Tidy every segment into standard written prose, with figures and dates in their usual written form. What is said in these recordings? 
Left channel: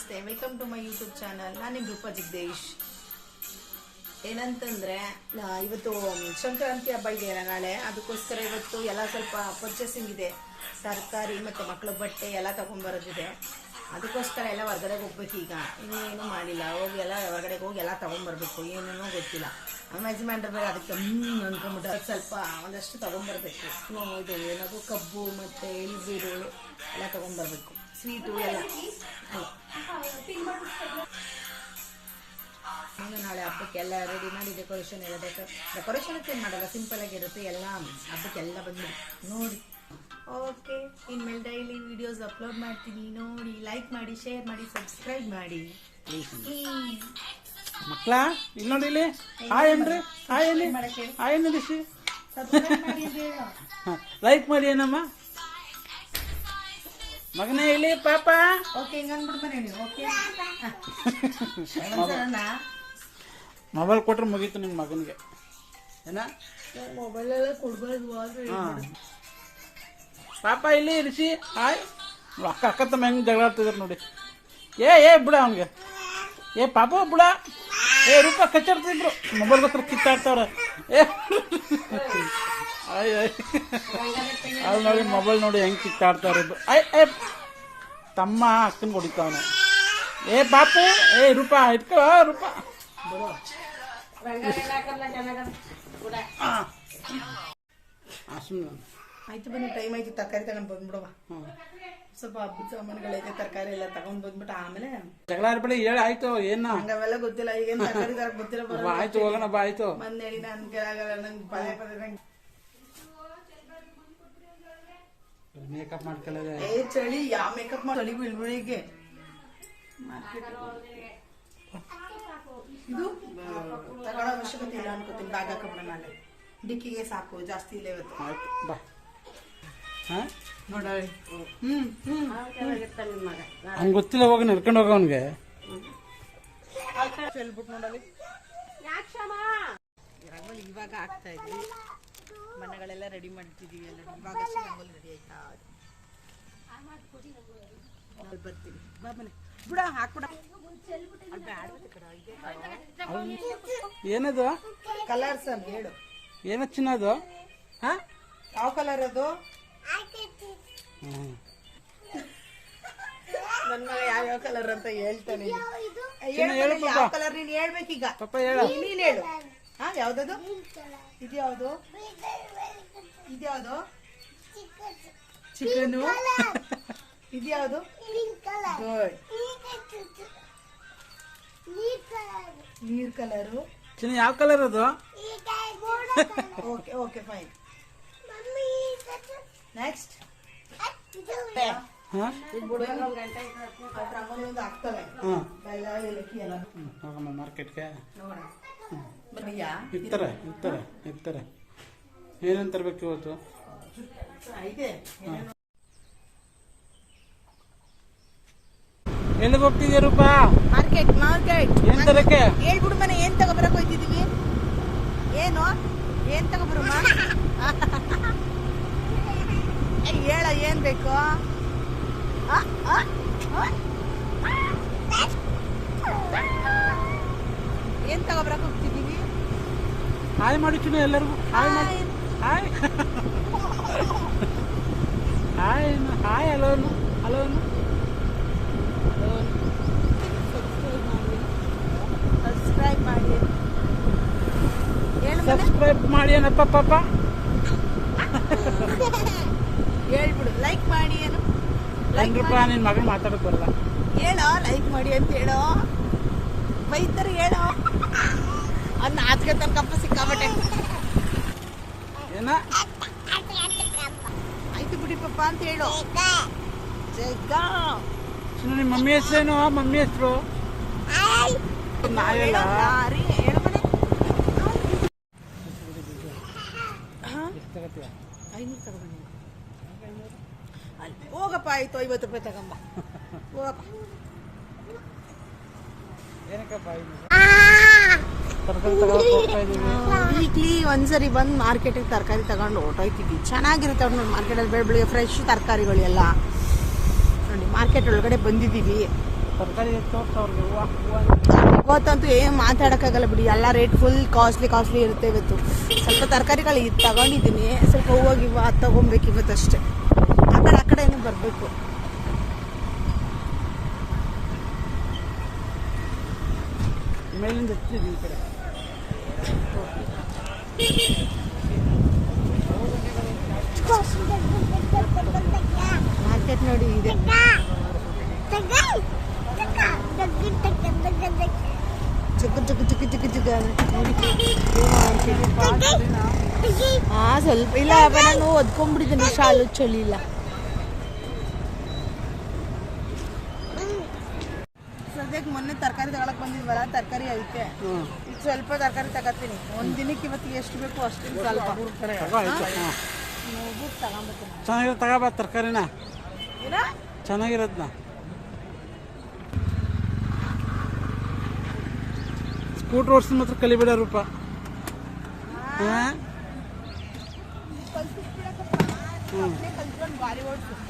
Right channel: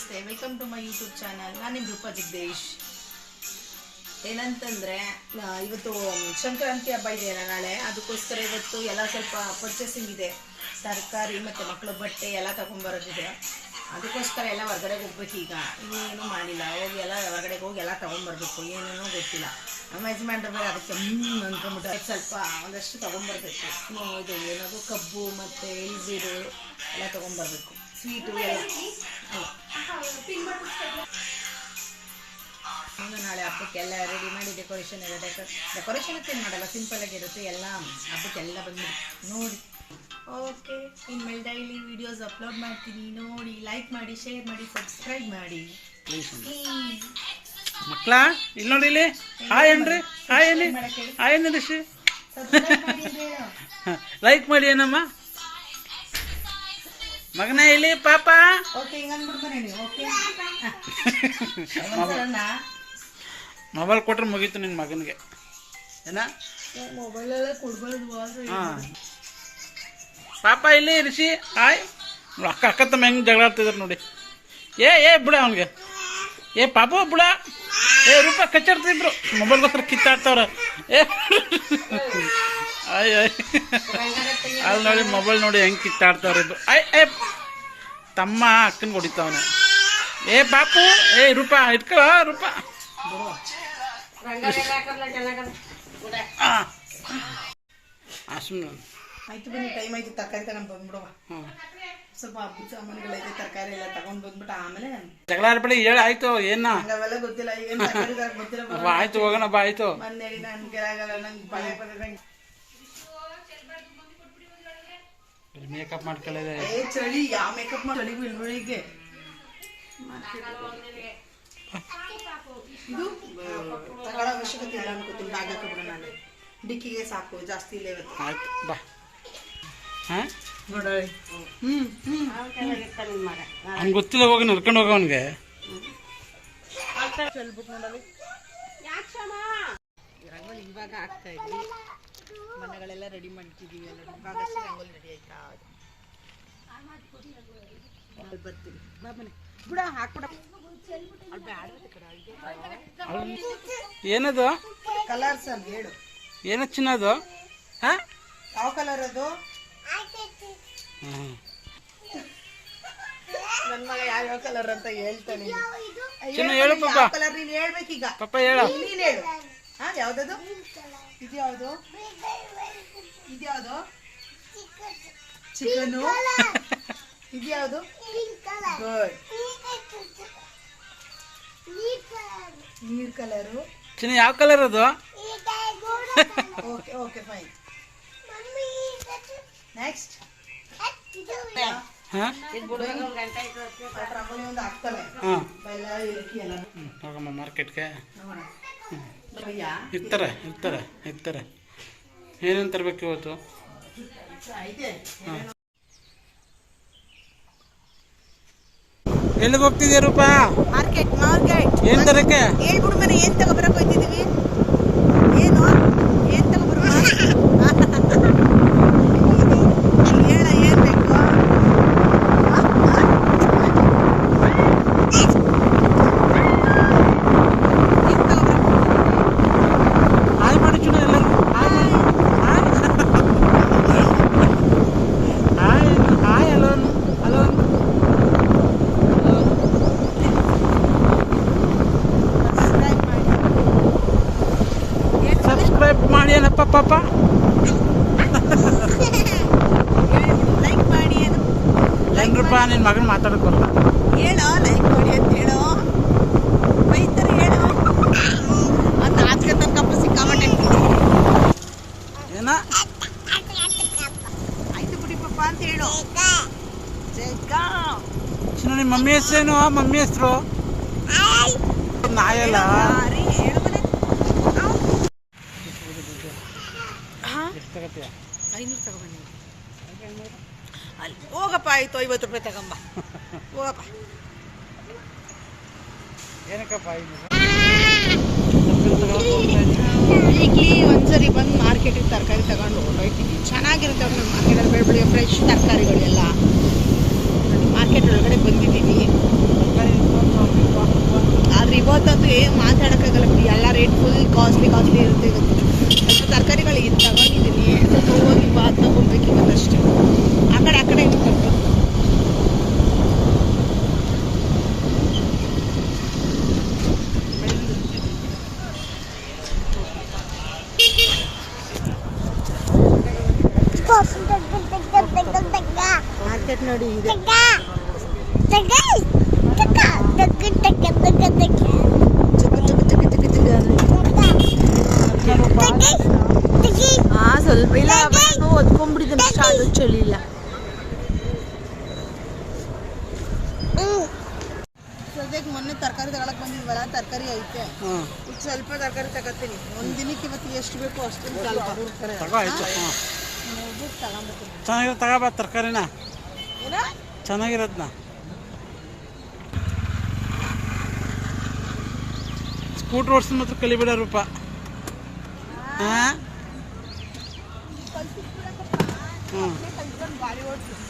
ನಮಸ್ತೆ, welcome to my YouTube channel. ನಾನು ನಿಮ್ಮ ರೂಪಾ ಜಗದೀಶ್. ಏನಂತಂದರೆ ಇವತ್ತು ಸಂಕ್ರಾಂತಿ ಹಬ್ಬ ಇದೆ ನಾಳೆ, ಅದಕ್ಕೋಸ್ಕರ ಇವತ್ತು ಎಲ್ಲ ಸ್ವಲ್ಪ ಪರ್ಚೇಸಿಂಗ್ ಇದೆ. ತರಕಾರಿ ಮತ್ತು ಮಕ್ಕಳ ಬಟ್ಟೆ ಎಲ್ಲ ತೊಗೊಂಬರೋದಿದೆ. ಅದಕ್ಕೋಸ್ಕರ ಎಲ್ಲ ಹೊರಗಡೆಗೆ ಹೋಗ್ಬೇಕು. ಈಗ ಇನ್ನೇನು ಮಾಡಿಲ್ಲ, ಹೋಗಿ ಎಲ್ಲ ಹೊರಗಡೆಗೆ ಹೋಗಿ ಎಲ್ಲ ತೊಗೊಂಬರ್ಬೇಕು. ಏನೇನೋ ಗೊತ್ತಿಲ್ಲ. ನಮ್ಮ ಯಜಮಾನ್ರ ಮೇಲೆ ಅದಕ್ಕೆ ಅಂದ್ಕೊಂಬಿಟ್ಟು ಸ್ವಲ್ಪ ಒಂದಷ್ಟು ತೊಗೊಂಬರ್ಬೇಕು. ಇದು ಏನದು ಕಬ್ಬು ಮತ್ತು ಎಳ್ಬೀರು ಎಲ್ಲ ತೊಗೊಂಬರ್ಬೇಕು. ಸ್ವೀಟು ಎಲ್ಲ ನಾಳೆ ಹಬ್ಬಕ್ಕೆಲ್ಲ ರೆಡಿ ಮಾಡಿ ಡೆಕೋರೇಷನ್ ಎಲ್ಲ ಡೆಕೋರೇಷನ್ಗೆ ಏನು ಮಾಡಲ್ಲ, ಸಿಂಪಲ್ ಆಗಿರುತ್ತೆ. ಎಲ್ಲ ಹಬ್ಬಕ್ಕೆಲ್ಲ ಬಂದ್ಬಿಡಿ ನೋಡಿ. ಓಕೆ, ಇನ್ಮೇಲೆ ಡೈಲಿ ವಿಡಿಯೋಸ್ ಅಪ್ಲೋಡ್ ಮಾಡ್ತೀನಿ, ನೋಡಿ, ಲೈಕ್ ಮಾಡಿ, ಶೇರ್ ಮಾಡಿ, ಸಬ್ಸ್ಕ್ರೈಬ್ ಮಾಡಿ. ಮಕ್ಕಳ ಇಲ್ಲಿ ನೋಡಿ, ಇಲ್ಲಿ ಹಾಯ್ ಏನ್ರಿ, ಹಾಯ್ ಏನಿ, ಹಾಯ್ ಏನಿದೆ ಶ್ರೀ, ಲೈಕ್ ಮಾಡಿ ಏನಮ್ಮ ಮಗನೇ ಇಲ್ಲಿ ಪಾಪ. ಮೊಬೈಲ್ ಕೊಟ್ರೆ ಮುಗೀತು ನಿನ್ನ ಮಗನಿಗೆ. ಏನ ಮೊಬೈಲೆಲ್ಲ ಕೊಡ್ಬಾರ್ದು. ಹಾಂ ಪಾಪ ಇಲ್ಲಿ ರಿಷಿ ಹಾಯ್. ಅಕ್ಕ ಅಕ್ಕ ತಮ್ಮ ಹೆಂಗೆ ಜಗಳ ಆಡ್ತಿದ್ರು ನೋಡಿ. ಏ ಬಿಡ ಅವನಿಗೆ, ಏ ಪಾಪ ಬಿಡ. ರೂಪ ಕಚ್ಚಾಡ್ತಿದ್ರು, ಮೊಬೈಲ್ಗೋಸ್ಕರ ಕಿತ್ತಾಡ್ತವ್ರ. ಅಯ್ಯ ಅಲ್ಲಿ ನೋಡಿ, ಮೊಬೈಲ್ ನೋಡಿ ಹೆಂಗೆ ಕಿತ್ತಾಡ್ತವ್ರ ಇದ್ರು. ತಮ್ಮ ಅಕ್ಕನ ಹೊಡಿತಾವನೆ. ಪಾಪು, ರೂಪ ಇಟ್ಕೋ ರೂಪ. ಆಯ್ತು ಬನ್ನಿ, ಟೈಮ್ ಆಯ್ತು, ತರಕಾರಿ ತಗೊಂಡು ಬಂದ್ಬಿಡುವ. ಸ್ವಲ್ಪ ಹಬ್ಬ ಸಾಮಾನುಗಳೈತೆ, ತರಕಾರಿ ಎಲ್ಲ ತಗೊಂಡ್ ಬಂದ್ಬಿಟ್ಟು ಆಮೇಲೆ ಜಗಳ ಆಡ್ಬೇಡಿ, ಹೇಳಿ ಆಯ್ತು. ಏನ ಅವೆಲ್ಲ ಗೊತ್ತಿಲ್ಲ, ಈಗ ತರಕಾರಿ ಗೊತ್ತಿಲ್ಲ. ಆಯ್ತು ಹೋಗೋಣ ಬಾ. ಆಯ್ತು ಮನೇಲಿ ನಾನು ಕೆಳಗಲ್ಲ, ನಂಗೆ ಭಯ ನಂಗೆ ಮೇಕಪ್ ಮಾಡ್ಕೊಳ್ಳೋದೆ. ಚಳಿ ಯಾವ ಮೇಕಪ್ ಮಾಡಿ ಚಳಿಗೂ ಇಳುವರಿಗೆ ಇದು ತಗೊಳ್ಳೋ ಅವಶ್ಯಕತೆ ಇಲ್ಲ ಅನ್ಕೋತೀನಿ. ಬ್ಯಾಗ್ ಹಾಕೊಂಡ್ಬಿಡ, ನಾಳೆ ಡಿಕ್ಕಿಗೆ ಸಾಕು, ಜಾಸ್ತಿ ಇಲ್ಲ ಇವತ್ತು. ಆಯ್ತು ಬಾ. ಹಾಂ ನೋಡಿ, ಅವ್ನಿಗೆ ಗೊತ್ತಿಲ್ಲ, ಹೋಗಿ ನಡ್ಕೊಂಡು ಹೋಗ ಅವನಿಗೆ. ಬುಕ್ ನೋಡಲಿ ರಂಗೋಲಿ ಇವಾಗ ಆಗ್ತಾ ಇದ್ವಿ, ಮನೆಗಳೆಲ್ಲ ರೆಡಿ ಮಾಡ್ತಿದ್ದೀವಿ. ಇವಾಗ ರಂಗೋಲಿ ರೆಡಿ ಆಯ್ತಾ, ಬರ್ತೀವಿ. ಬಾ ಮನೆ ಬಿಡ, ಹಾಕ್ಬಿಡ. ಏನದು ಕಲರ್ಸ್ ಹೇಳು, ಏನ ಚಿನ್ನದು? ಹಾಂ ಯಾವ ಕಲರ್ ಅದು? ನನ್ನ ಮಗ ಯಾವ್ಯಾವ ಕಲರ್ ಅಂತ ಹೇಳ್ತಾನೆ. ಹೇಳು ಪಾಪ. ಕಲರ್ ನೀನು ಹೇಳ್ಬೇಕೀಗ. ಪಾಪ ಹೇಳು, ನೀನು ಹೇಳು. ಹಾ, ಯಾವ್ದದು? ಇದು ಯಾವುದು? ಇದ್ಯಾವುದು? ಚಿಕನು. ಇದ್ಯಾವುದು? ಗುಡ್. ನೀರ್ ಕಲರು. ಚಿನ್ನ ಯಾವ ಕಲರ್ ಅದು? Okay okay fine. Next rangoli ಒಂದು ಹಾಕ್ತವೆ. ಬೆಲ್ಲ ಏಲಕ್ಕಿ ಎಲ್ಲ ಹೋಗಮ್ಮ ಮಾರ್ಕೆಟ್ಗೆ. ಭಯ್ಯ ಇರ್ತಾರೆ. ಏನೇನು ತರಬೇಕು ಇವತ್ತು? ಎಲ್ಲಿಗೆ ಹೋಗ್ತಿದ್ಯಾ ರೂಪಾ? ಮಾರ್ಕೆಟ್. ಏನ್ ತರಕ್ಕೆ? ಹೇಳ್ಬಿಡು ಮನೆ, ಏನ್ ತಗೊಬರಕ್ ಹೋಯ್ತಿದೀವಿ? ಏನು ತಗೊಬರು? ಹೇಳ, ಏನ್ ಬೇಕು? ಏನ್ ತಗೊಬರಕ್ ಹಾಯ್ ಮಾಡಿ ಚುನ ಎಲ್ಲರಿಗೂ. Hi alone. ಸಬ್ಸ್ಕ್ರೈಬ್ ಮಾಡಿ ಏನಪ್ಪ ಪಾಪ. ಲೈಕ್ ಮಾಡಿ. ಏನು ಲೈಕ್ ರೂಪಾಯಿ ನಿನ್ನ ಮಗನ ಮಾತಾಡಕ್ ಬರಲ್ಲ. ಹೇಳೋ, ಲೈಕ್ ಮಾಡಿ ಅಂತ ಹೇಳೋ. ಬೈತಾರೆ ಹೇಳೋ. ಅದು ನಾಚಿಕೆ ತಕ್ಕಪ್ಪ ಸಿಕ್ಕಾಬಟ್ಟೆ. ಏನ ಆಯ್ತು ಬಿಡಿ ಪಾಪ ಅಂತ ಹೇಳು. ಚಿನ್ನ ನಿಮ್ಮ ಮಮ್ಮಿ ಹೆಸರೇನು? ಮಮ್ಮಿ ಹೆಸರು ನಾಯಲ್ಲ. ಹೇಳು ಮನೆ. 500 ತಗೊಬನ್ನಿ. ಅಲ್ಲಿ ಹೋಗಪ್ಪ. ಆಯ್ತು, 50 ರೂಪಾಯಿ ತಗೊಂಬ, ಹೋಗಪ್ಪ. ವೀಕ್ಲಿ ಒಂದ್ಸರಿ ಬಂದು ಮಾರ್ಕೆಟಿಗೆ ತರಕಾರಿ ತಗೊಂಡು ಹೊರಟೋಯ್ತಿದ್ವಿ. ಚೆನ್ನಾಗಿರುತ್ತೆ ಅವ್ರು ನೋಡಿ, ಮಾರ್ಕೆಟಲ್ಲಿ ಬೆಳಗ್ಗೆ ಫ್ರೆಶ್ ತರಕಾರಿಗಳೆಲ್ಲ ನೋಡಿ. ಮಾರ್ಕೆಟ್ ಮಾರ್ಕೆಟ್ ಒಳಗಡೆ ಬಂದಿದ್ದೀವಿ. ಆದ್ರೆ ಇವತ್ತಂತೂ ಏನು ಮಾತಾಡೋಕ್ಕಾಗಲ್ಲ ಬಿಡಿ, ಎಲ್ಲ ರೇಟ್ ಫುಲ್ ಕಾಸ್ಟ್ಲಿ ಇರುತ್ತೆ ಇವತ್ತು. ಸ್ವಲ್ಪ ತರಕಾರಿಗಳು ತಗೊಂಡಿದ್ದೀನಿ, ಸ್ವಲ್ಪ ಹೋಗಿ ತಗೊಬೇಕು ಇವತ್ತಷ್ಟೇ. ಆ ಕಡೆ ಏನು ಬರ್ಬೇಕು. ಮಾರ್ಕೆಟ್ ನೋಡಿ ಇದೆ. ಸ್ವಲ್ಪ ಇಲ್ಲ, ನಾನು ಒದ್ಕೊಂಡ್ಬಿಟ್ಟಿದ್ದೇನೆ, ಶಾಲು ಚಳಿ ಇಲ್ಲ. ಸದ್ಯಕ್ಕೆ ಮೊನ್ನೆ ತರಕಾರಿ ತಗೊಳಕ್ ಬಂದಿದ್ವಲ್ಲ, ತರಕಾರಿ ಐತೆ. ಸ್ವಲ್ಪ ತರಕಾರಿ ತಗೋತೀನಿ ಒಂದ್ ದಿನಕ್ಕೆ. ಇವತ್ತು ಎಷ್ಟು ಬೇಕು ಅಷ್ಟು ಸ್ವಲ್ಪ ಚೆನ್ನಾಗಿರೋ ತಗೋಬಾ ತರಕಾರಿನ, ಚೆನ್ನಾಗಿರೋದ್ನ. ಸ್ಕೂಟ್ರ್ ಓಡಿಸ್ ಮಾತ್ರ ಕಲಿಬೇಡ ರೂಪ.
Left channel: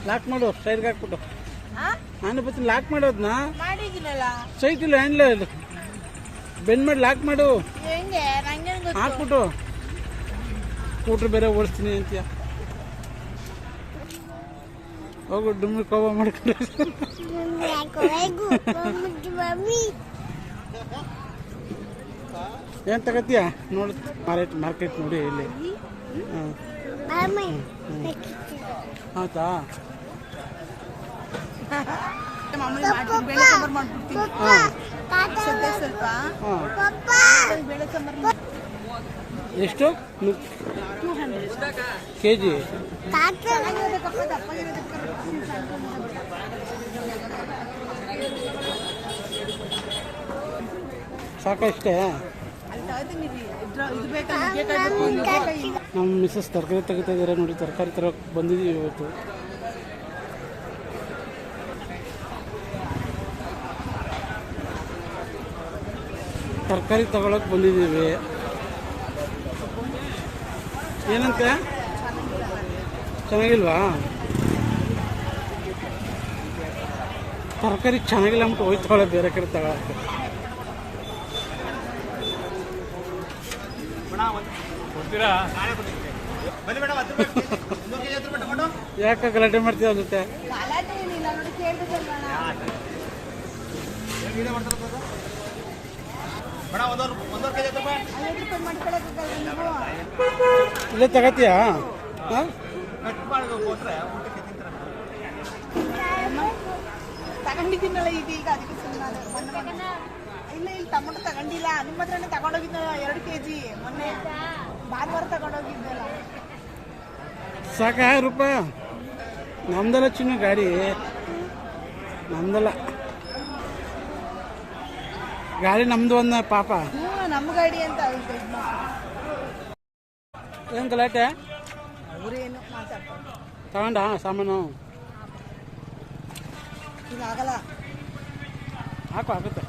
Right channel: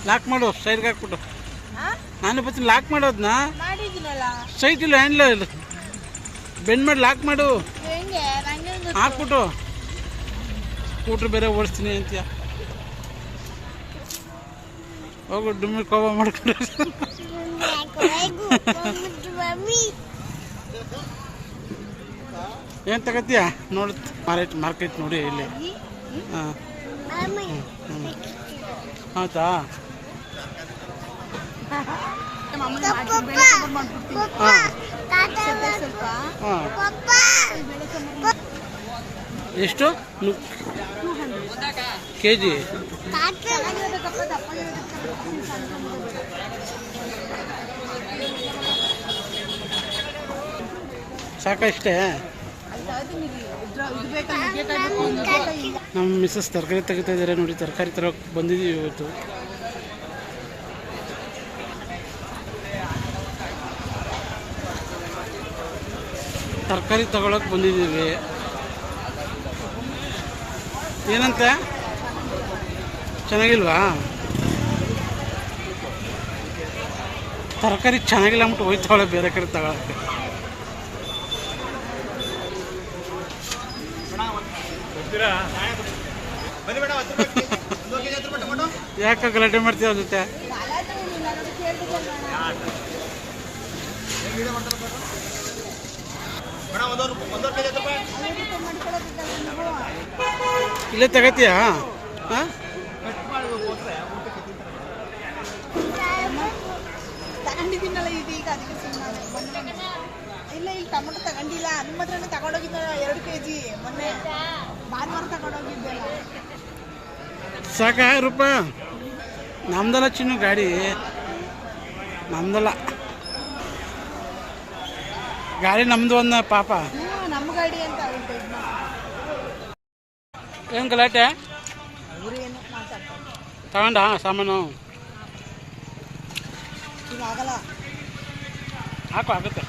ಲಾಕ್ ಮಾಡು, ಸೈಡ್ಗೆ ಹಾಕ್ಬಿಟ್ಟು. ನಾನು ಬರ್ತೀನಿ, ಲಾಕ್ ಮಾಡೋದ್ನ. ಸೈಟ್ ಇಲ್ಲ, ಹ್ಯಾಂಡ್ಲ ಇಲ್ಲ, ಬೆಂಡ್ ಮಾಡಿ ಲಾಕ್ ಮಾಡು, ಹಾಕ್ಬಿಟ್ಟು. ಸ್ಕೂಟ್ರ್ ಬೇರೆ ಓಡಿಸ್ತೀನಿ ಅಂತೀಯ, ಹೋಗು ಡುಮ್ಮಿ ಕೋಪ ಮಾಡ್ಕೊಂಡು. ಏನು ತಗತ್ತೀಯ ನೋಡಿ, ಮಾರ್ಕೆಟ್ ನೋಡಿ ಇಲ್ಲಿ. ಹಾಂ ಹೌದಾ, ಎಷ್ಟು ಕೆಜಿ? ಸಾಕಷ್ಟೇ. ನಮ್ಮ ಮಿಸ್ಸಸ್ ತರಕಾರಿ ತೆಗಿತಾ ಇದ್ದಾರೆ ನೋಡಿ, ತರಕಾರಿ ತರೋಕೆ ಬಂದಿದ್ದೀವಿ ಇವತ್ತು. ತರಕಾರಿ ತಗೊಳಕ್ ಬಂದಿದ್ದೀವಿ. ಏನಂತೆ, ಚೆನ್ನಾಗಿಲ್ವಾ? ತರಕಾರಿ ಚೆನ್ನಾಗಿಲ್ಲ ಅಂದ್ಬಿಟ್ಟು ಹೋಯ್ತಾವಳೆ ಬೇರೆ ಕಡೆ ತಗೊಳಕ್ಕೆ. ಯಾಕೆ ಗಲಾಟೆ ಮಾಡ್ತೀವಿ ಅವ್ರ ಜೊತೆ? ಇಲ್ಲೇ ತಗತ್ತೀಯಾ? ತಗೊಂಡಿದ್ದೀನಲ್ಲ ಈಗ ಅದಕ್ಕೆ ಸುಮ್ಮನೆ. ಮೊನ್ನೆ ಇಲ್ಲ, ಈಗ ಟೊಮೊಟೊ ತಗೊಂಡಿಲ್ಲ, ನಿಮ್ಮ ಹತ್ರನೇ ತಗೊಂಡೋಗಿದ್ದ 2 kg ಮೊನ್ನೆ ಭಾನುವಾರ ತಗೊಂಡೋಗಿದ್ದೆಲ್ಲ. ಸಾಕ ರೂಪ? ನಮ್ದಲ್ಲ ಚಿನ್ನು ಗಾಡಿ, ನಮ್ದಲ್ಲ ಗಾಡಿ, ನಮ್ದು ಒಂದ ಪಾಪ. ನಮ್ಮ ಗಾಡಿ ಅಂತ ಏನು ಗಲಾಟೆ? ಅವರೇನು ಮಾತಾಡ್ತಾರೆ. ತಗೊಂಡ ಸಾಮಾನು ಈಗ ಆಗಲ್ಲ, ಹಾಕು, ಆಗುತ್ತೆ.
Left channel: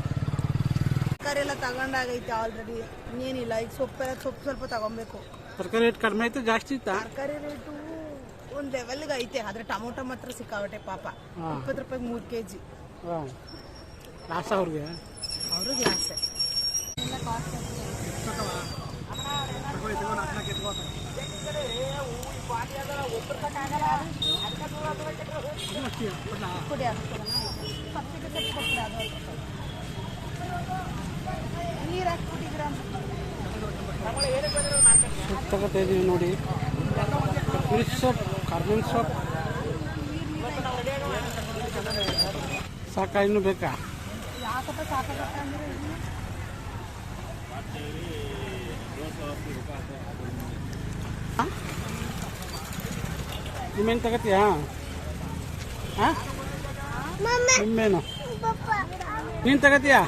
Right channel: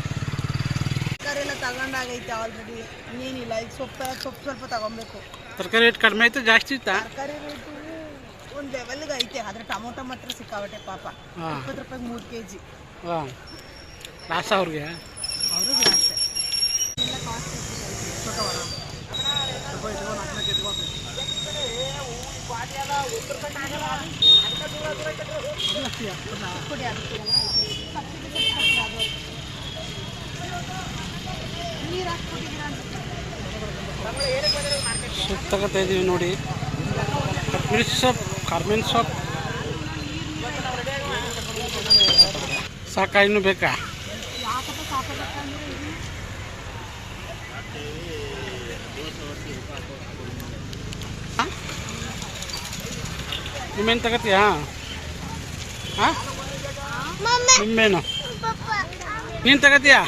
ತರಕಾರಿ ಎಲ್ಲ ತಗೊಂಡಾಗೈತೆ ಆಲ್ರೆಡಿ, ಇನ್ನೇನಿಲ್ಲ. ಈಗ ಸೊಪ್ಪು ಸ್ವಲ್ಪ ತಗೊಬೇಕು. ತರಕಾರಿ ರೇಟ್ ಕಡಿಮೆ ಆಯ್ತು, ಜಾಸ್ತಿ ಇತ್ತಾ? ತರಕಾರಿ ರೇಟು ಒಂದು ಲೆವೆಲ್ಗೆ ಐತೆ, ಆದರೆ ಟೊಮೊಟೊ ಮಾತ್ರ ಸಿಕ್ಕಾಬಟ್ಟೆ ಪಾಪ. 20 ರೂಪಾಯಿಗೆ 3 kg. ಹಾಂ, ಲಾಸ್ ಅವ್ರಿಗೆ ಆಸೆ ಎಲ್ಲ ಕಾಸ್ಟ್ ತಗೋತಾ ಇದ್ದೀವಿ ನೋಡಿ. Milk shop, convent shop. ಸಾಕ, ಇನ್ನೂ ಬೇಕಾ? ನಿಮ್ಮೇನು ತಗೋತೀಯಾ? ಹಾಂ, ನಿಮ್ಮೇನು ನೀನು ತಗೋತೀಯಾ?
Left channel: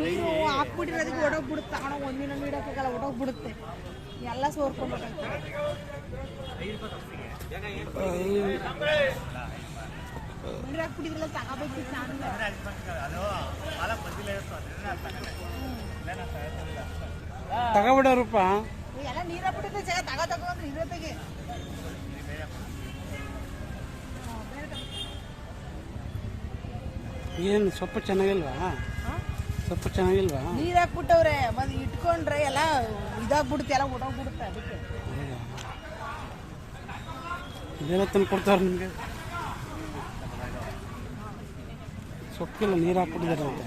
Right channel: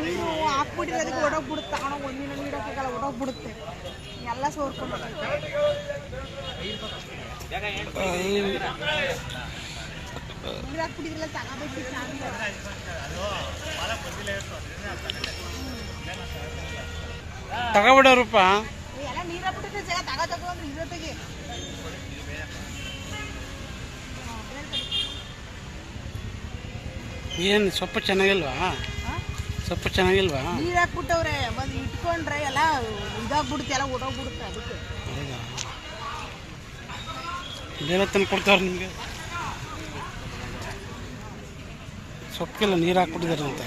ನೀವು ಹಾಕ್ಬಿಟ್ಟಿದ್ರೆ ಅದಕ್ಕೆ ಒಡೋಗ್ಬಿಡುತ್ತೆ. ತಗೊಂಡು ಒಂದಿನ ನೀಡೋಕ್ಕಾಗಲ್ಲ, ಒಡೋಗ್ಬಿಡುತ್ತೆ ಎಲ್ಲ ಸೋರ್ಕೊಂಡು. ನೀರು ಹಾಕ್ಬಿಟ್ಟಿದ್ರಲ್ಲ, ತಗೋಬೇಕು. ತಗೋಬಿಡೋರಪ್ಪ, ಎಲ್ಲ ನೀರು ಹಾಕ್ಬಿಟ್ಟಿದ್ರೆ ತಗೋ ಏನು ಸೊಪ್ಪು ಚೆನ್ನಾಗಿಲ್ವಾ? ಸೊಪ್ಪು ಚೆನ್ನಾಗಿಲ್ವಾ? ನೀರು ಹಾಕ್ಬಿಟ್ಟವ್ರೆ, ಬಂದು ಇಟ್ಕೊಂಡ್ರೆ ಎಲ್ಲ ಇದಾಗ್ಬಿಡುತ್ತೆ, ಎಲ್ಲ ಓಡೋಗ್ಬಿಡುತ್ತೆ. ಅದಕ್ಕೆ ಹೌದಾ? ಇಲ್ಲೆಲ್ಲ ತಂದು ಕೊಡ್ತಾವ್ರೆ ನಿಮಗೆ. ಸೊಪ್ಪಿಗೆಲ್ಲ ನೀರು ಹಾಕ್ಬಿಟ್ಟಿದಾರಂತೆ.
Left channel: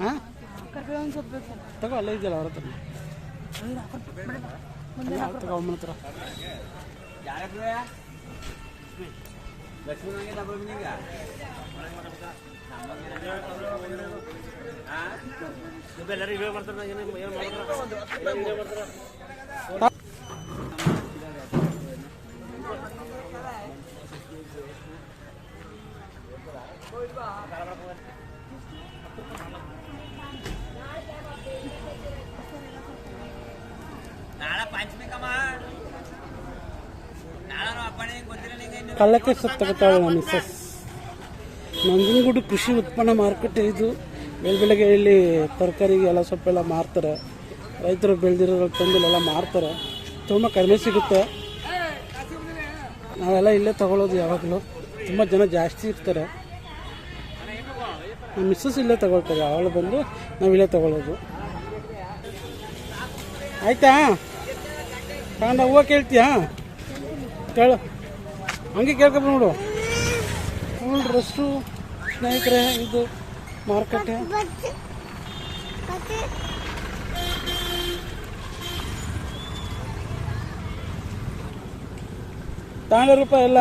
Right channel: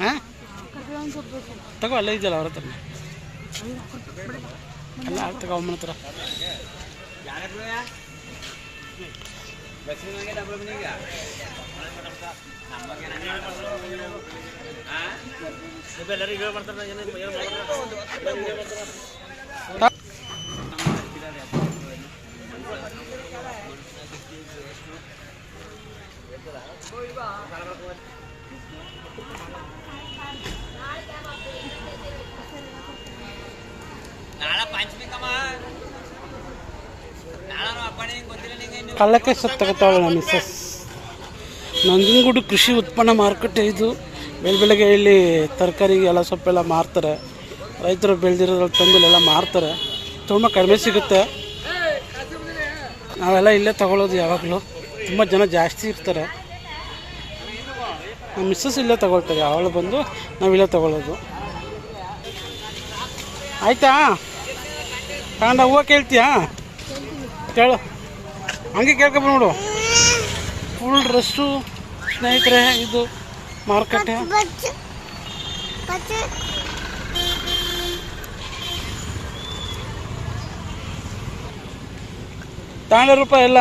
ಹಾಂ ತಗೋ, ಅಲ್ಲೇ ಇದೆಯಲ್ಲ ಅವ್ರ ಹತ್ರ. ಅಲ್ಲ ತಗೋ ಅಮ್ಮನ ಹತ್ರ. ಕಳ್ಳಕ್ಕೆ ಸೊಪ್ಪು ತಗೋತಾಳೆ ನಮ್ಮ ಮಿಸ್ಸಸ್. ನಂಜನಗೂಡು ಕೃಷಿ ಉತ್ಪನ್ನ ಮಾರುಕಟ್ಟೆ ಇದು. ಬೆಳಗ್ಗೆ ಇಲ್ಲಿ ತರಕಾರಿ ಎಲ್ಲ ಸೊಪ್ಪೆಲ್ಲ ಮಾರ್ತಾರೆ. ರೈತರು ಬೆಳೆದಿರೋದ್ರಲ್ಲಿ ತಂದು ಮಾರ್ತಾರೆ. ತುಂಬ ಕಡಿಮೆ ಸಿಗುತ್ತೆ. ನಾವೆಲ್ಲ ಇಲ್ಲೇ ತಗೊಳ್ಳೋದು ಯಾವಾಗಲೂ. ತುಂಬ ಜನ ಜಾಸ್ತಿ ಇರ್ತಾರೆ. ನಮ್ಮ ಮಿಸ್ಸಸ್ ಇಲ್ಲೇ ತಗೊಳ್ತಾರೆ. ಅವಳು ಬಂದು ನಾವಿಲ್ಲೇ ತಗೊಳ್ಳೋದು. ಆಯಿತಾ? ತಗೊಂಡ ಹೂವು ಕೇಳ್ತೀಯಾ? ಕೇಳು, ಹಂಗೆ ಕೇಳ್ಕೊಬಂದ್ಬಿಡು. ಫುಲ್ ರಶ್ಶು ಸ್ನೇಹಿತರೆ, ಇದು ಮಾರುಕಟ್ಟೆ. ತಗೊಂಡ ರೂಪಾಯಿ ಎಲ್ಲ.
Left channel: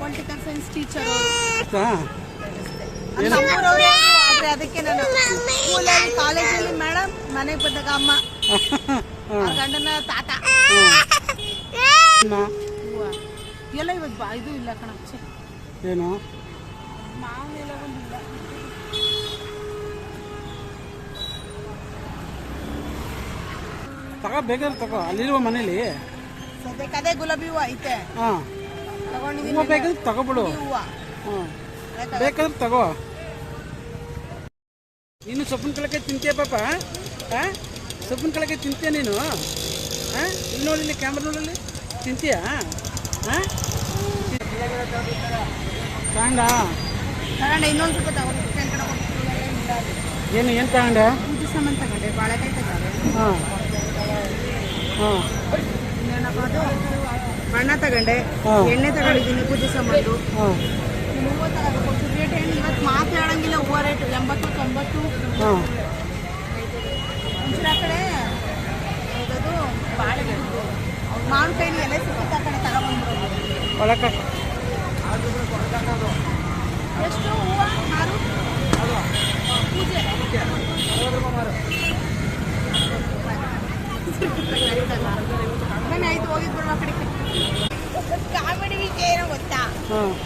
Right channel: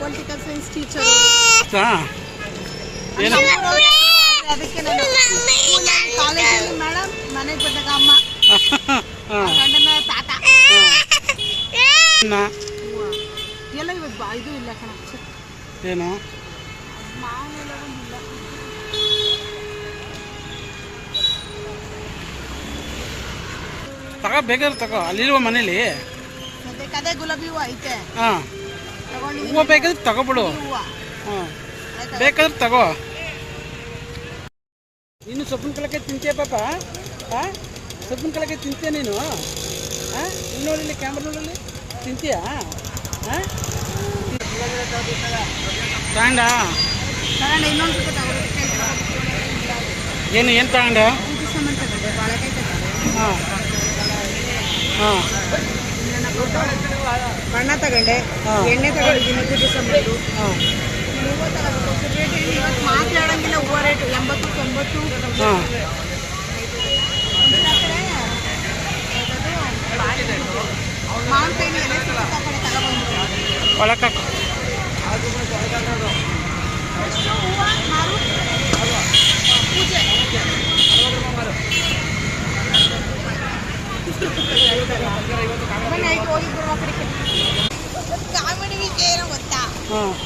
ಪೊಲಿಟಿಕಲ್ ಸೈನ್ಸ್ ಟೀಚರ್ ಏನು? ಅದಕ್ಕೆ ನಾನು ಸ್ಕೂಲಲ್ಲಿ ಕಾಲೇಜಲ್ಲಿ ಮೇಡಮ್, ಮನೆಗೆ ಬಂದಾಗ ಅಮ್ಮ, ಗಂಡನ ತಾತ ಎಲ್ಲ ಇವತ್ತು ಇದು ಇಲ್ಲ ಕಣ. ಏನು ಮಾವನೆಲ್ಲ ಒಂದಿಲ್ಲ. ತಗೋ, ಬೇಕಾದ್ರೆ ತಗೋ. ಅಲ್ಲಿರುವ ಮನೇಲಿ ಸದ್ಯಕ್ಕೆ ಅದೇ ಗುಲಾಬಿ ಹೂವು ಐತೆ. ಹಾಂ, ತಗೊಂಡಿದ್ದೀನಿ. ಹೂವು ಬೇಕಾದ್ರೆ ತಗೋಬಿಡು. ಹೂವು ಹಾಂ, ಬೇಕಾದ್ರೆ ತಗೋ. ನೀನು ಸೊಪ್ಪಿನ ಕಳಕೆ ತಿಂತೀಯ ಪಾಪ? ಹಾಂ, ಸೊಪ್ಪಿನ ಕಳಕೆ ತಿಂತೀಯ ನೀನು? ಹಾಂ, ಇಲ್ಲಿ ನೋಡಿಲ್ಲಿ ಕ್ಯಾಮ್ರಾ ನೋಡಲ್ಲಿ ತಿಂತೀಯಾ? ಹಾಂ, ತಗೊಂಡ ಇನ್ನೊಂದು ಸ್ವಲ್ಪ ಏನು ತಗೊಂಡೆ? ಪೂಜೆ ಸಾಮಾನು ತಗೊಂಡೆ, ಬಾಳೆಕಾಯಿ ತಗೊಂಡೆ. ಹಾಂ ಹಾಂ, ಬಣ್ಣ ತಗೊಂಡೆ, ಎಣ್ಣೆ ತಗೊಂಡಿದ್ದೀನಿ, ಪೂಜೆ ಸಾಮಾನು. ಹಾಂ, ಇವತ್ತು ಮಾತಾಡಂಗಿಲ್ಲ. ಹೂವು ರೇಟು 80, 90. ಹಾಂ, ಮಾವಿನಕಾಯಿ ಎಲ್ಲ ಸಿಕ್ಕ ತಗೊಂಡೆ, ತಗೊಂಡ್ಬಂದು ಒಳಕ್ಕೆ ಎಷ್ಟು ಹೂವು ಮಾರು ಆಯ್ತು. ಹೋಗಿ ಬಿಡುವ ಕಡೆಗೆ ಕಾಮಿಡಿ ವಿಷಯ ಏನೋ ಗೊತ್ತಾ?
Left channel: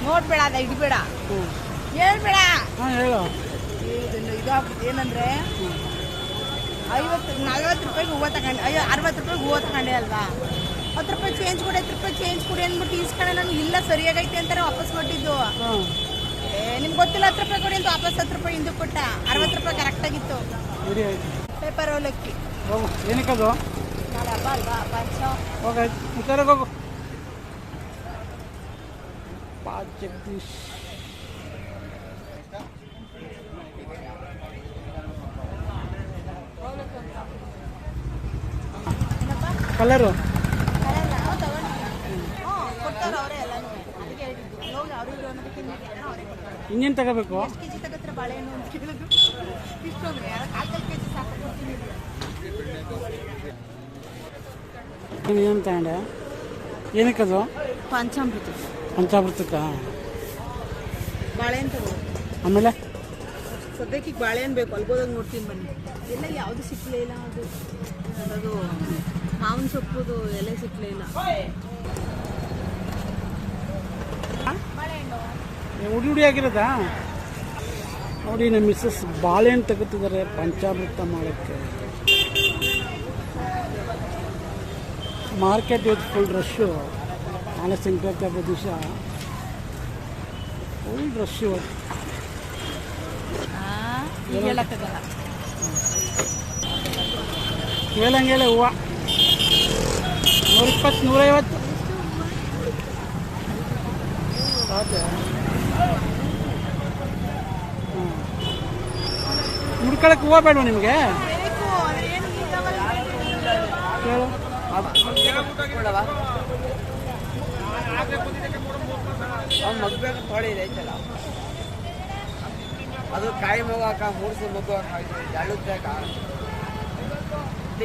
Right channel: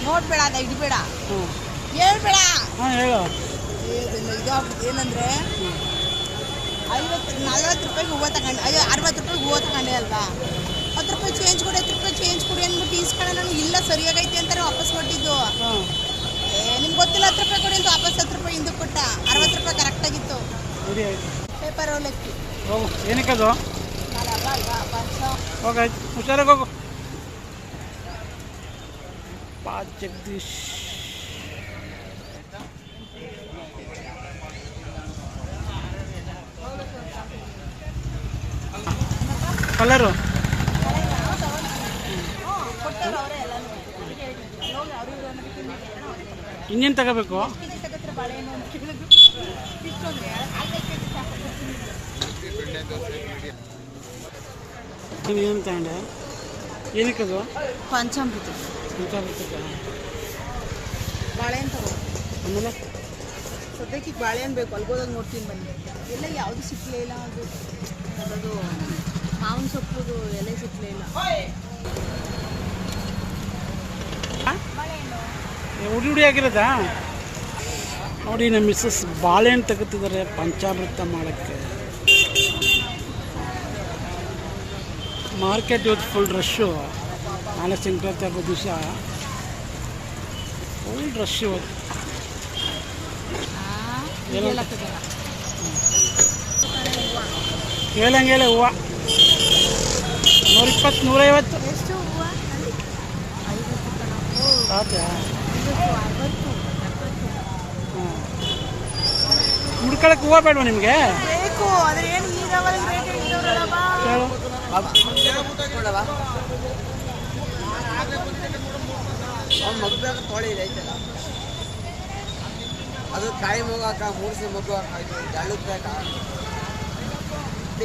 ನೋಡ್ಬೇಡ, ಅದ ಇಡಬೇಡ, ಹೇಳ್ಬೇಡ. ಹಾಂ, ಹೇಳು. ಇದಾಗ್ಬಿಟ್ಟು ಏನಂದ್ರೆ 40 ರೂಪಾಯಿಗೆ ಹೂವು ತಗೊಂಡೆ, 60 ರೂಪಾಯಿಗೆ ಹೂವು ತಗೊಂಡೆ ಅಲ್ವಾ? 10 ರೂಪಾಯಿ ಚೇಂಜ್ ಕೊಡಿ, 10 ರೂಪಾಯಿ ಚೇಂಜ್ ಕೊಡಿ ಅಂದ್ಬಿಟ್ಟು ಈಸ್ಕೊಂಡೆ. ನಾನು ಇಲ್ಲ ಸರಿಯಾಗೈತೆ ಅಂತಾರೆ ವಾಪಸ್ ಕೊಟ್ಟಿದ್ದು. ನಿಮ್ಗೆ ಗೊತ್ತಿಲ್ಲ 10 ರೂಪಾಯಿ ಕೊಡಿ ಅಂತ ವಾಪಸ್ 10 ರೂಪಾಯಿ ಹಿಂದಕ್ಕೆ ಕೊಟ್ಟ. 60 ರೂಪಾಯಿ ಕರೆಕ್ಟಾಗಿತ್ತು. ಪೇಪರ್ ಅವಲಕ್ಕಿ ಹೋಗು. ಏನಕ್ಕದು? ನಾಳೆ ಹಬ್ಬ ಅಲ್ವಾ? ಪಂಚ ಹೋಗಾಯ್ತು, ಹುಷಾರಾಗಿ ಹೋಗು. ಪಾ ಜಗದೀಶ್ ಕಲರು ಕೊಡ್ತಾರೆ ಅವರೇ ಎಲ್ಲನೂ. ಅದಕ್ಕೆ ಹೇಳಿದ್ದು ಹೋಗಿ ಅವ್ರಿಗೆ ಅನ್ನೋದಕ್ಕೆ ಇನ್ನೇನು ತಗೋಬೇಕು? ಕೆಜಿ ತಗೋತಾರೆ ಬಾಳೆಹಣ್ಣು ಅಂತ ಕೇಳಿದ್ರು. ಇಷ್ಟು ಅಂದರೆ 4 ಕೆಜಿ ಸಾಕು ಕೊಡ್ತೀನಿ. ಏನು ತಗೊಂಡೆ? ಏನಕ್ಕದು? ಪಂಚಾಮೃತ. ಪಂಚಾಮೃತಕ್ಕ ಬಾಳೆಹಣ್ಣು ತಗೋ. ಆಮೇಲೆ ಸದ್ಯಕ್ಕೆ ಬಾಳೆಹಣ್ಣು ಬೇಕು. ಅಲ್ಗೋದಾಗ ನೋಡ್ತೀನಿ ಬನ್ನಿ. ಎಲ್ಲ ಯಾವುದು ಸಿಕ್ಕಲೇ ಇಲ್ಲ. ಅದು ಮಾವಿನ ಸೊಪ್ಪುದು ಎಲೆ ಸಿಕ್ಕಲೇ ಇಲ್ಲ. ಬಾಳೆಹಣ್ಣು ಹುಡಿ ಆಗಿರೋದಾ? ನೋಡಿ, ನಮ್ಮ ಮಿಸ್ಸಸ್ ಬಾಳೆಹಣ್ಣು ತಗೋತಿದ್ದಾರೆ ಪಂಚಾಮೃತ ಮಾಡೋಕ್ಕೆ. ಮಾರ್ಕೆಟ್ ಇವತ್ತು ಫುಲ್ ರಶ್ಶು. ನಾಳೆ ಸಂಕ್ರಾಂತಿ ಹಬ್ಬದ ದಿವಸ ಫುಲ್ ರಶ್ ಇವತ್ತು. ಕೇಳಂಗೇಳೆ ಹೂವು 120 150 ಹೌದಾ? ಹಾಂ, ಮುಡ್ಕೊಳಕ್ಕೆ ಹೂವು ಬೇಡವಾ ನಿಮಗೆ? ಕೇಳು. ಮಗ್ಬೇಕು ತೊಳಿ ಐತಲ್ಲ ಅದು ಕಾಯಿ ಮಗು ಹಾಕ ಮೂಡಿಸಿ ಮಗು ಹಾಕ ಜಳ್ಳದ ಬೇಕಾ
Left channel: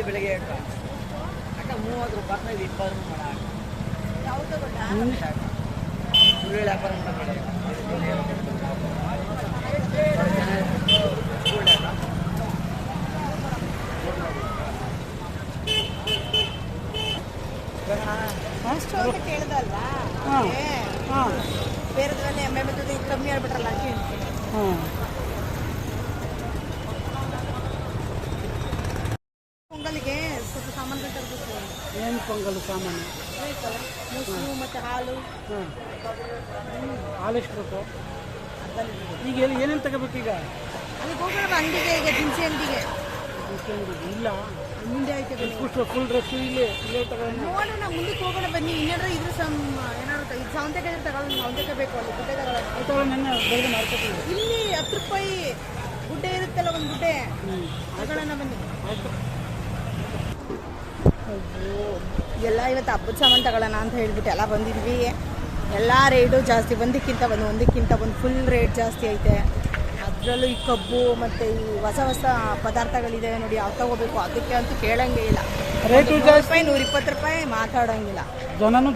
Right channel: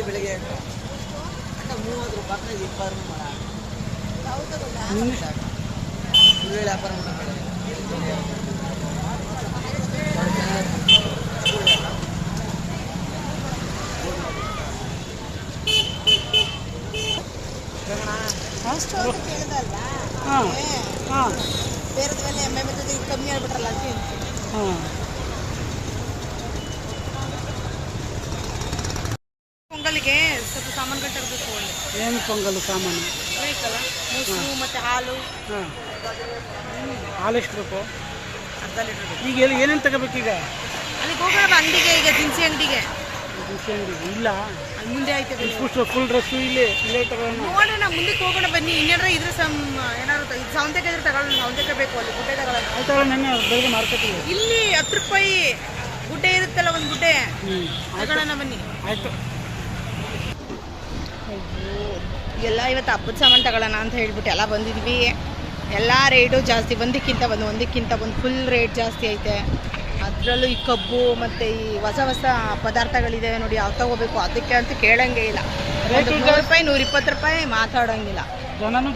ಬೆಳಿಗ್ಗೆ ಅಕ್ಕ 30 ರೂಪಾಯಿ 20 ರೂಪಾಯಿ ಮಾಡ ಸುಳ್ಳು ವ್ಯಾಪಾರ ಮಾಡಬೇಡ ಅಷ್ಟು ಅಂತ ಕೇಳ್ದಲ್ವಾ? ಹಾಂ ಹಾಂ ಬೇರೆದ ಮೇಲೆ ಎಮ್ಮೆ ಬರ್ತದೆ ಕಮ್ಮಿ ಆಗ್ಬಿಟ್ರಲ್ಲ ಅಂತ ಹೇಳ್ತೀನಿ. ಹಾಂ. ಪೊಂಗಲ್ಗೆ ಸ್ವಲ್ಪ ಸಾಮಾನುಗಳು ತರಬೇಕು. ಏನು ಪೊಂಗಲ್ ಸಾಮಾನು ಬೇಕಲ್ಲ, ಮೊಸರು ಮತ್ತು ಹಾಲು. ಹಾಂ, ಹಾಲು ಎಷ್ಟು ಬೇಕು? ಅರ್ಧ ಲೀಟರ್ ಬೇಕು. ಈಗ ಎಲ್ಲಿ ಏನೇನು ತಗೋಬೇಕು ಈಗ? ಅಲ್ಲಿಗೆ ಹೋಗೋಣ ಅಂಗಡಿಗೆ, ಈಗ ದಿನಸಿ ಅಂಗಡಿಗೆ. ದಿನಸಿ ಅಂಗಡಿ ಇಲ್ಲ, ಅಲ್ಲಿ ಮುಂದೆ ಐತೆ ಬನ್ನಿ. ಫುಲ್ ಡ್ರೆಸ್ಸು ಇಲ್ಲೇ ತಗೋಣ. ನೋಡೋಣ, ಮುಂದಕ್ಕೆ ಹೋಗೋಣ ಬನ್ನಿ. ಇನ್ನೇನಾರ ಇದ್ರೆ ಏನಾರು ಇದು ಸೌಂದೆಕಾಯಿ ಇದ್ರೆ ತಗೊಳ್ಳೋಣ. ಸೌಂದೆಕಾಯಿ ಬೇಕು, ಅಲ್ಲಿ ಗುಡ್ಡೆ ತಗೊಳ್ಳೋಣ. ಆಯ್ತು, ನೆನ್ನೆ ಬೆಳಗ್ಗೆ ಮಾರ್ಕೆಟಿಗೆ ಇಲ್ಲಿ 10 ರೂಪಾಯಿ ಗುಡ್ಡೆ ಇರುತ್ತಲ್ಲ, ಒಂದು ಗುಡ್ಡೆ ತಗೊಳ್ಳೋಣ ಬನ್ನಿ. ಆಯಿತು. ಎಲ್ಲ ಇವತ್ತು ಹಬ್ಬದ ಸಾಮಾನು ತಗೊಳ್ಳೋಣ ಅಂತ ಹೇಳ್ಬಿಟ್ಟು ಎಲ್ಲ ಬಂದಿದ್ವಿ. ಎಲ್ಲ ರೇಟು ಜಾಸ್ತಿ, ಒಂದಕ್ಕಿಂತ ಒಂದು ಫುಲ್ ರೇಟ್ ಜಾಸ್ತಿ ಐತೆ. ಅದರಲ್ಲೂ ಈ ಕಬ್ಬು ಮತ್ತು ಈ ಹೊಸ ಪದಾರ್ಥಗಳಿದೆ ನೋಡಿ, ಯಾವ ತಗೋಬೇಕು ಅದಕ್ಕೆ ಅಂತ ಕೇಳಂಗೆ ಇಲ್ಲ. 100 ರೂಪಾಯಿ 120 ರೂಪಾಯಿ ಮಾತಾಡೋಂಗಿಲ್ಲ.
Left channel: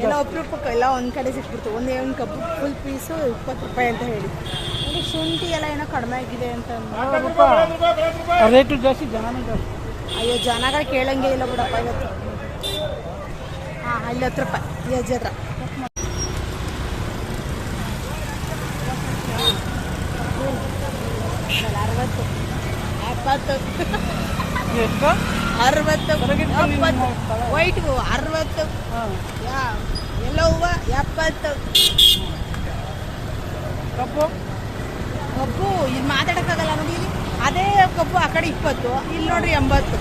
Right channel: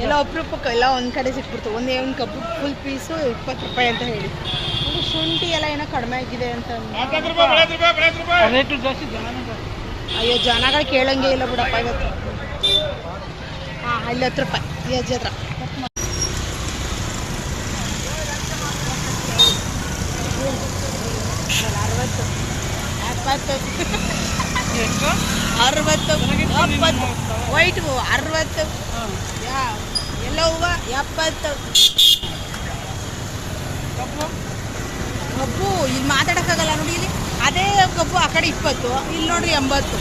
ಎಲ್ಲ ಅಪರೂಪಕ್ಕೆ ಎಲ್ಲ ಒಂದು ಕಡೆ ಸಿಕ್ಬಿಡ್ತು. ಒಂದು ಕಬ್ಬು ಫುಲ್ ಪೀಸು 20 ರೂಪಾಯಿ ಅಂತ ಹೇಳಿ. ನೋಡಿ, ಶುಂಠಿ ಎಲ್ಲ ಏನೋ ಕಡಿಮೆ ಆಗಿದೆ ಅಂತ. ರೇಟು ಜಾಸ್ತಿ, ಜನನೂ ಜಾಸ್ತಿ. ಅಯ್ಯೋ, ಜನಗಳು ಕೇಳಂಗೆ ಇಲ್ಲ ಬಿಡಪ್ಪ ಇವತ್ತು. ಹಾಂ, ಇಲ್ಲಿ 10 ರೂಪಾಯಿ ಈ ಅಜ್ಜಿ ಹತ್ರ. 60 70 60 ವೈಟ್ ಹೂವು 60, ಎಲ್ಲೋ ಹೂವು 70. ಕಬ್ಬು ಇಲ್ಲಿ ಮಾತಾಡೋಕ್ಕಾಗಲ್ಲ ನೋಡಿ. ಇಲ್ಲಿ ಅದೇ ಕಬ್ಬು ಆ ಕಡೆ 20, ಇಲ್ಲಿ ನೋಡ್ರಿ 80.